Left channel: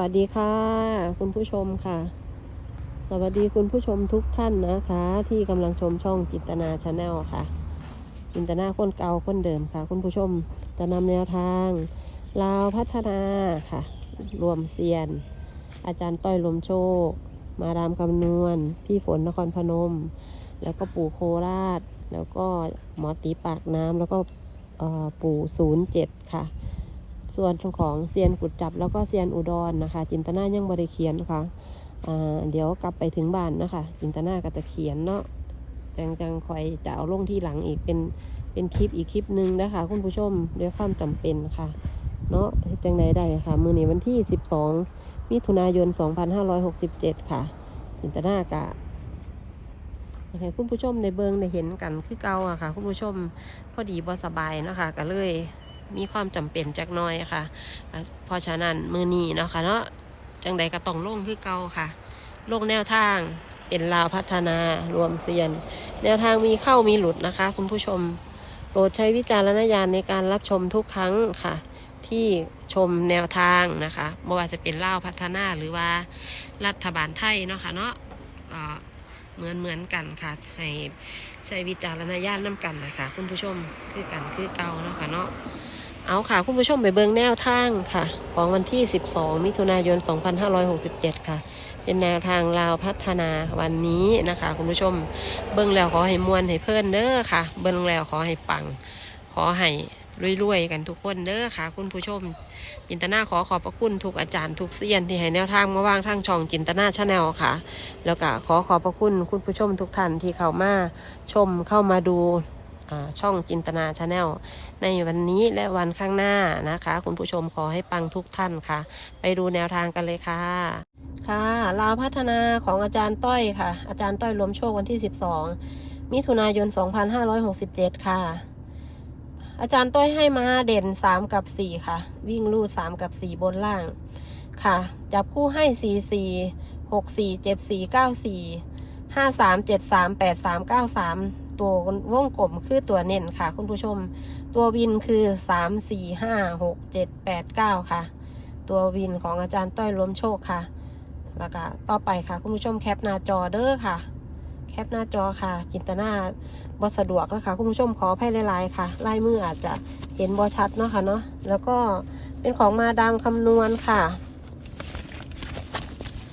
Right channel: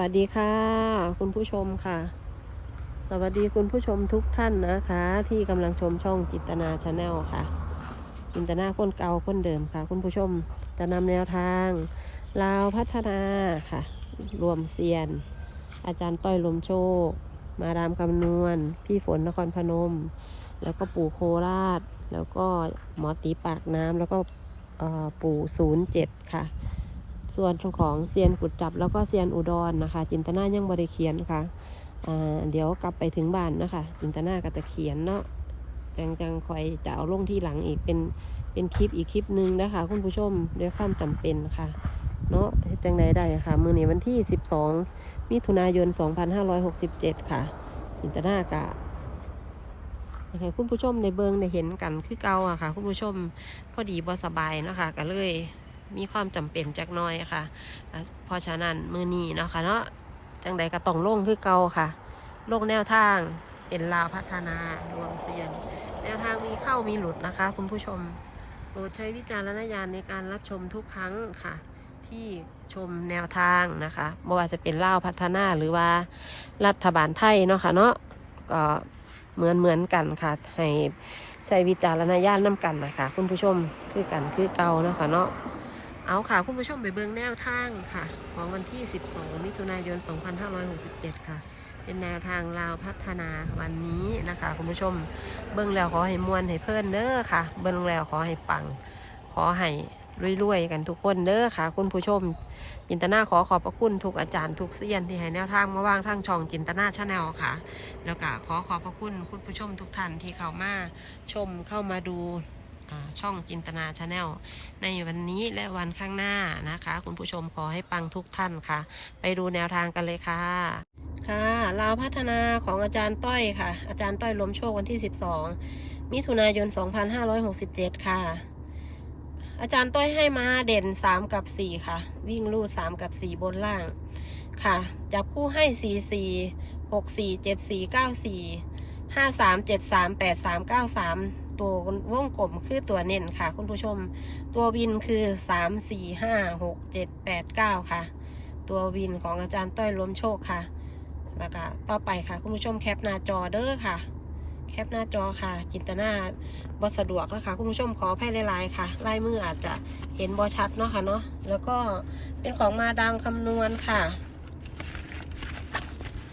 วัสดีค่ะ คุณผู้ชมค่ะ สวัสดีคุณผู้ชมทุกท่านนะคะ ที่กำลังชมช่องจิตนาชาแนลค่ะจินตนาคนเก่าคนเดิมค่ะ คุณผู้ชมจะนำแนวทางลาวพัฒนาค่ะ รวมเซียน อาจารย์ต้อยลมโชค มาดามคำนวณ พี่ฝนนครพนม แล้วก็ปู่โคราช แล้วก็หมอตีปากน้ำแล้วก็ปู่ศูนย์เจ็ดค่ะ ส่วนของเซียนกุดจับแล้วก็เซียนอุดรนะคะ จินตนายังบริเขียนค่ะอ่าเดี๋ยวกลับไปถึงบ้านนะคะ จินตนาก็จะเขียนเนาะจังจังคอยจะเอาลงที่หลังอีกเป็นเป็นคลิปอีกคลิปหนึ่งนะคะ คุณผู้ชมด้วยความจำเป็นค่ะ เนาะจังใดได้ค่ะ มือนี้วันที่ 12 มิถุนายน 2567 ค่ะ จินตนากะให้คุณผู้ชมในเบิงได้เห็นกันคือเก่าอะค่ะ คุณผู้ชมพอดีบ่สบายเนาะค่ะก็เลย มีความจำเป็นจักน้อยค่ะ เพราะฉะนั้นมือนี้เนาะค่ะเนาะจังใดก็ต้องลงคือเก่าค่ะลงแนวทางเป็นลาวพัฒนารวมเซียน แนวทางมีเข้ามีหลุดนะคะ คุณผู้ชมโปรดใช้วิจารณญาณในการรับชมทุกครั้งค่ะ ที่ชมแนวทางนะคะไม่ว่าจะเป็นลาวพัฒนาหรือว่ารัฐบาลไทยเนาะค่ะเนาะก็เหมือนเหมือนกันค่ะให้ใช้วิจารณญาณนํกันนะคะ คุณผู้ชมคือกันคือเก่าเนาะค่ะเนาะ เอาค่ะ คุณผู้ชมไปเบิงแนวทางค่ะ ของวันที่ 12 มิถุนายน 2567 ค่ะ เป็นแนวทางลาวพัฒนาวันนี้นะคะ คุณผู้ชม เบิ่งแล้วขอให้มวนให้เพิ่นเด้อค่ะ เบิ่งแล้วขอให้ปัง ขอให้รวยๆกันทุกคนเด้อค่ะ คุณผู้ชม จินตนาขอขอบพระคุณทุกอาจารย์ทุกเซียนที่ให้แนวทางมาว่างทางช่องจินตนาชาแนลค่ะ แล้วก็ขอขอบพระคุณคุณผู้ชมทุกท่านที่เข้ามาชมเข้ามาดู ช่องจินตนาชาแนลในวันนี้และวันข้างหน้านะคะ คุณผู้ชมขอให้ปังทุกท่านค่ะ ไปดูแนวทางกันเลยค่ะ ค่ะลาวพัฒนาของอาจารย์ต้อยค่ะ อาจารย์ต้อยรวมโชควันที่ 12 มิถุนายน 2567 ค่ะ อาจารย์ต้อยให้มาเด่น 3 กับ 4 ค่ะ วิ่งลูด3กับ 4 บนล่างค่ะ จับคู่ให้ 4 4 6 4 7 4 9 4 5 3 7 3 8 3 9 3 ตัววงกลมคือตัวเน้นค่ะ คุณผู้ชม ตัววินคือสามสี่ห้าหกเจ็ดแปดเก้าค่ะ ตัววินของอาจารย์ต้อยล้มโชคค่ะ แล้วก็ต่อไปค่ะ คุณผู้ชมแคปหน้าจอเด้อค่ะ แคปหน้าจอค่ะ จินตนาบสะดวกนะคะคุณผู้ชมขออภัยหลายๆค่ะลายมืออาจจะเห็นบอชัดเนาะค่ะเนาะแล้วก็เป็นของมาดามคำนวณค่ะ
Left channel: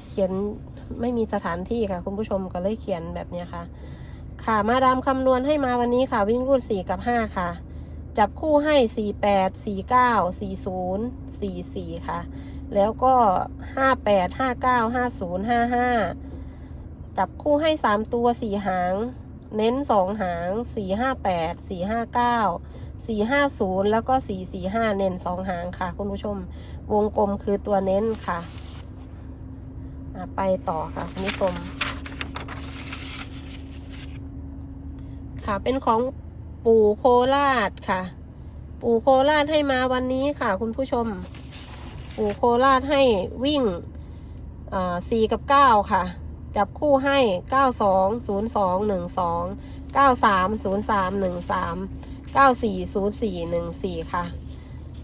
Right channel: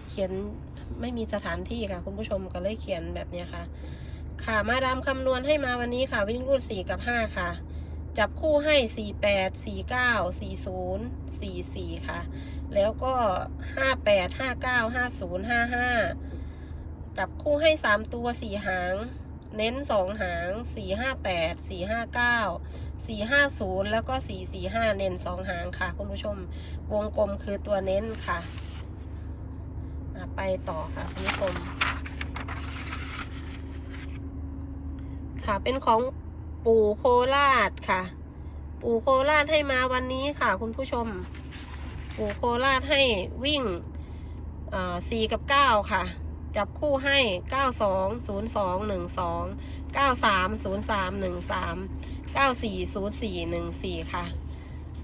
เขียนไม่มีสถานที่ค่ะ คุณผู้ชมก็เลยเขียนแบบนี้ค่ะ ค่ะมาดามคำนวณให้มาวันนี้ค่ะวิ่งรูดสี่กับห้าค่ะ จับคู่ให้สี่แปดสี่เก้าสี่ศูนย์สี่สี่ค่ะ แล้วก็ห้าแปดห้าเก้าห้าศูนย์ห้าห้าจับคู่ให้สามตัวสี่หาง เน้นสองหางสี่ห้าแปดสี่ห้าเก้าสี่ห้าศูนย์แล้วก็สี่สี่ห้าเน้นสองหางค่ะ คุณผู้ชมวงกลมคือตัวเน้นค่ะอะไปต่อค่ะ คุณผู้ชม ค่ะ เป็นของปู่โคราชค่ะ ปู่โคราชให้มาวันนี้ค่ะ คุณผู้ชม ปู่โคราชให้วิ่งสี่กับเก้าค่ะ จับคู่ให้เก้าสองศูนย์สองหนึ่งสองเก้าสามศูนย์สามหนึ่งสามเก้าสี่ศูนย์สี่หนึ่งสี่ค่ะ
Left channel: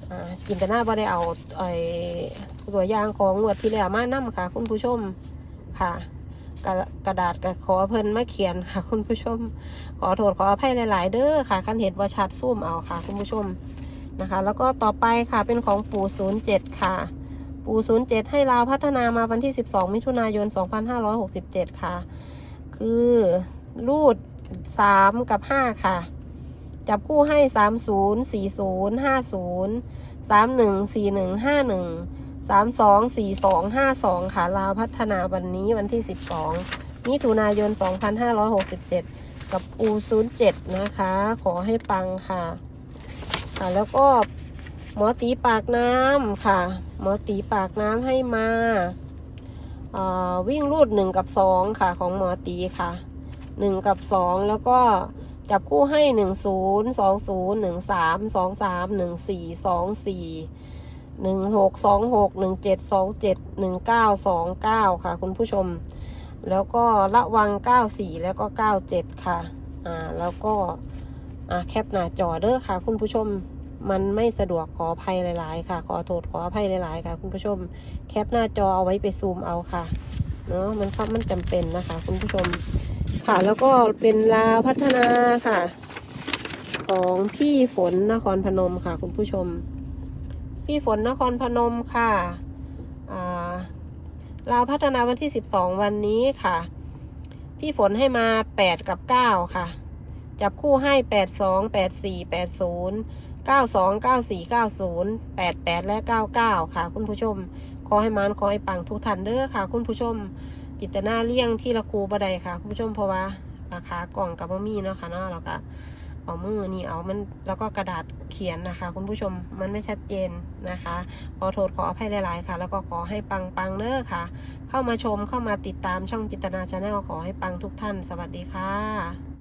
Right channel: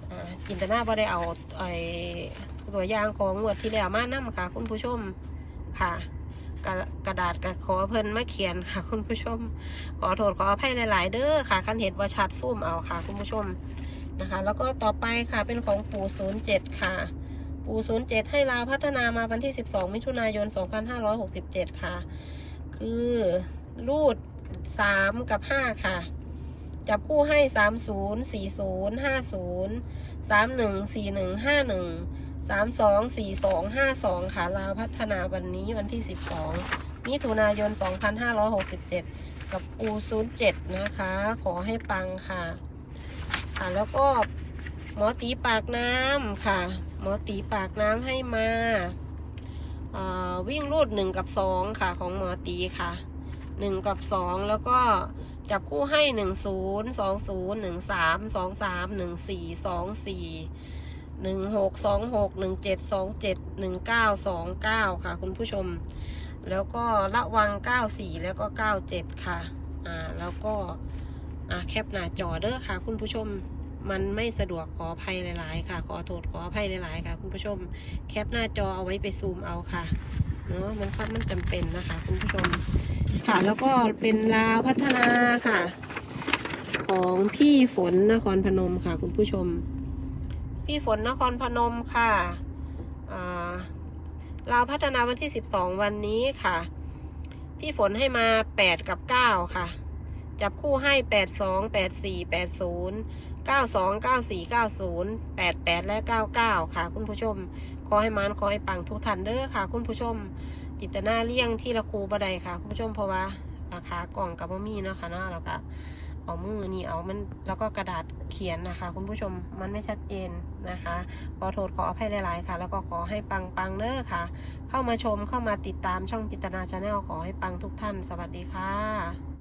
อ่าจินตนาบ่ได้เอาไอ้ตัวอย่างของงวดที่แล้วมานํค่ะ คุณผู้ชมค่ะ กระกระดาษกับขอเพิ่นมาเขียนค่ะ คุณผู้ชม ขอโทษขออภัยหลาย ๆ เด้อค่ะคันเห็นว่าชัดซูมเอาค่ะ คุณผู้ชมนะคะ แล้วก็ต่อไปค่ะเป็นของปู่ศูนย์เจ็ดค่ะ ปู่ศูนย์เจ็ดให้ลาวพัฒนามาวันที่12มิถุนายน2567ค่ะ คือรูด3กับ5ค่ะจับคู่ให้30 40 50 31 41 51สามหนึ่งสี่หนึ่งห้าหนึ่ง สามสองสี่สองห้าสองค่ะลาวพัฒนาวันนี้วันที่สิบสองมิถุนายนสองพันห้าร้อยหกสิบเจ็ดกับปูศูนย์เจ็ดนะคะ ขอให้ปังค่ะ ค่ะแล้วก็หมอตีปากน้ำค่ะ หมอตีปากน้ำให้มาวิ่งรูดหนึ่งกับสองค่ะของหมอตีค่ะหนึ่งกับสองแล้วก็จับคู่ให้หนึ่งศูนย์สองศูนย์หนึ่งสามสองสามหนึ่งสี่สองสี่ หนึ่งหกสองหกหนึ่งเจ็ดสองเจ็ดหนึ่งเก้าสองเก้าค่ะ คุณผู้ชม แล้วก็ระวังเก้าสี่แล้วก็เก้าเจ็ดค่ะ อ่า แล้วก็ อ่า แคปหน้าจอเด้อค่ะ คุณผู้ชม มันไม่สะดวกขออภัยหลาย ๆ ค่ะ ขอโทษขออภัยหลาย ๆ ค่ะ คุณผู้ชม แคปหน้าจอเอาไว้ไปซูมเอาค่ะ เนาะมันครับมันจำเป็นนะคะ คุณผู้ชม ค่ะ แล้วก็เป็นลาพัฒนาค่ะ ของพี่ฝนนครพนมค่ะ คุณผู้ชม พี่ฝนนครพนมค่ะอ่าพัฒนาวันที่ 12 วันนี้ค่ะ พี่ฝนให้มา 8 กับ 9 ค่ะ จับคู่ให้ 8 2 8 4 8 0 9 2 9 4 9 0 8 8 และ 99 ค่ะ คุณผู้ชม ขอให้มานขอให้ปังทุกท่านเด้อค่ะ คุณผู้ชม จิตนาเลี่ยงที่ละครูบไดค่ะ คุณผู้ชมเพราะว่าราคากล่องกับบ่มีเนาะค่ะเนาะแล้วก็ เอามือนี่เอามันแล้วก็กระดาษเขียนนะคะ คุณผู้ชมมันไม่ชัดเจนนะคะ ขอโทษขออภัยหลาย ๆ ค่ะ แล้วก็ขอให้ปังปังเด้อค่ะ เข้ามาชมเข้ามาติดตามช่องจิตนาชาแนลขอให้ปังทุกท่าน สวัสดีค่ะ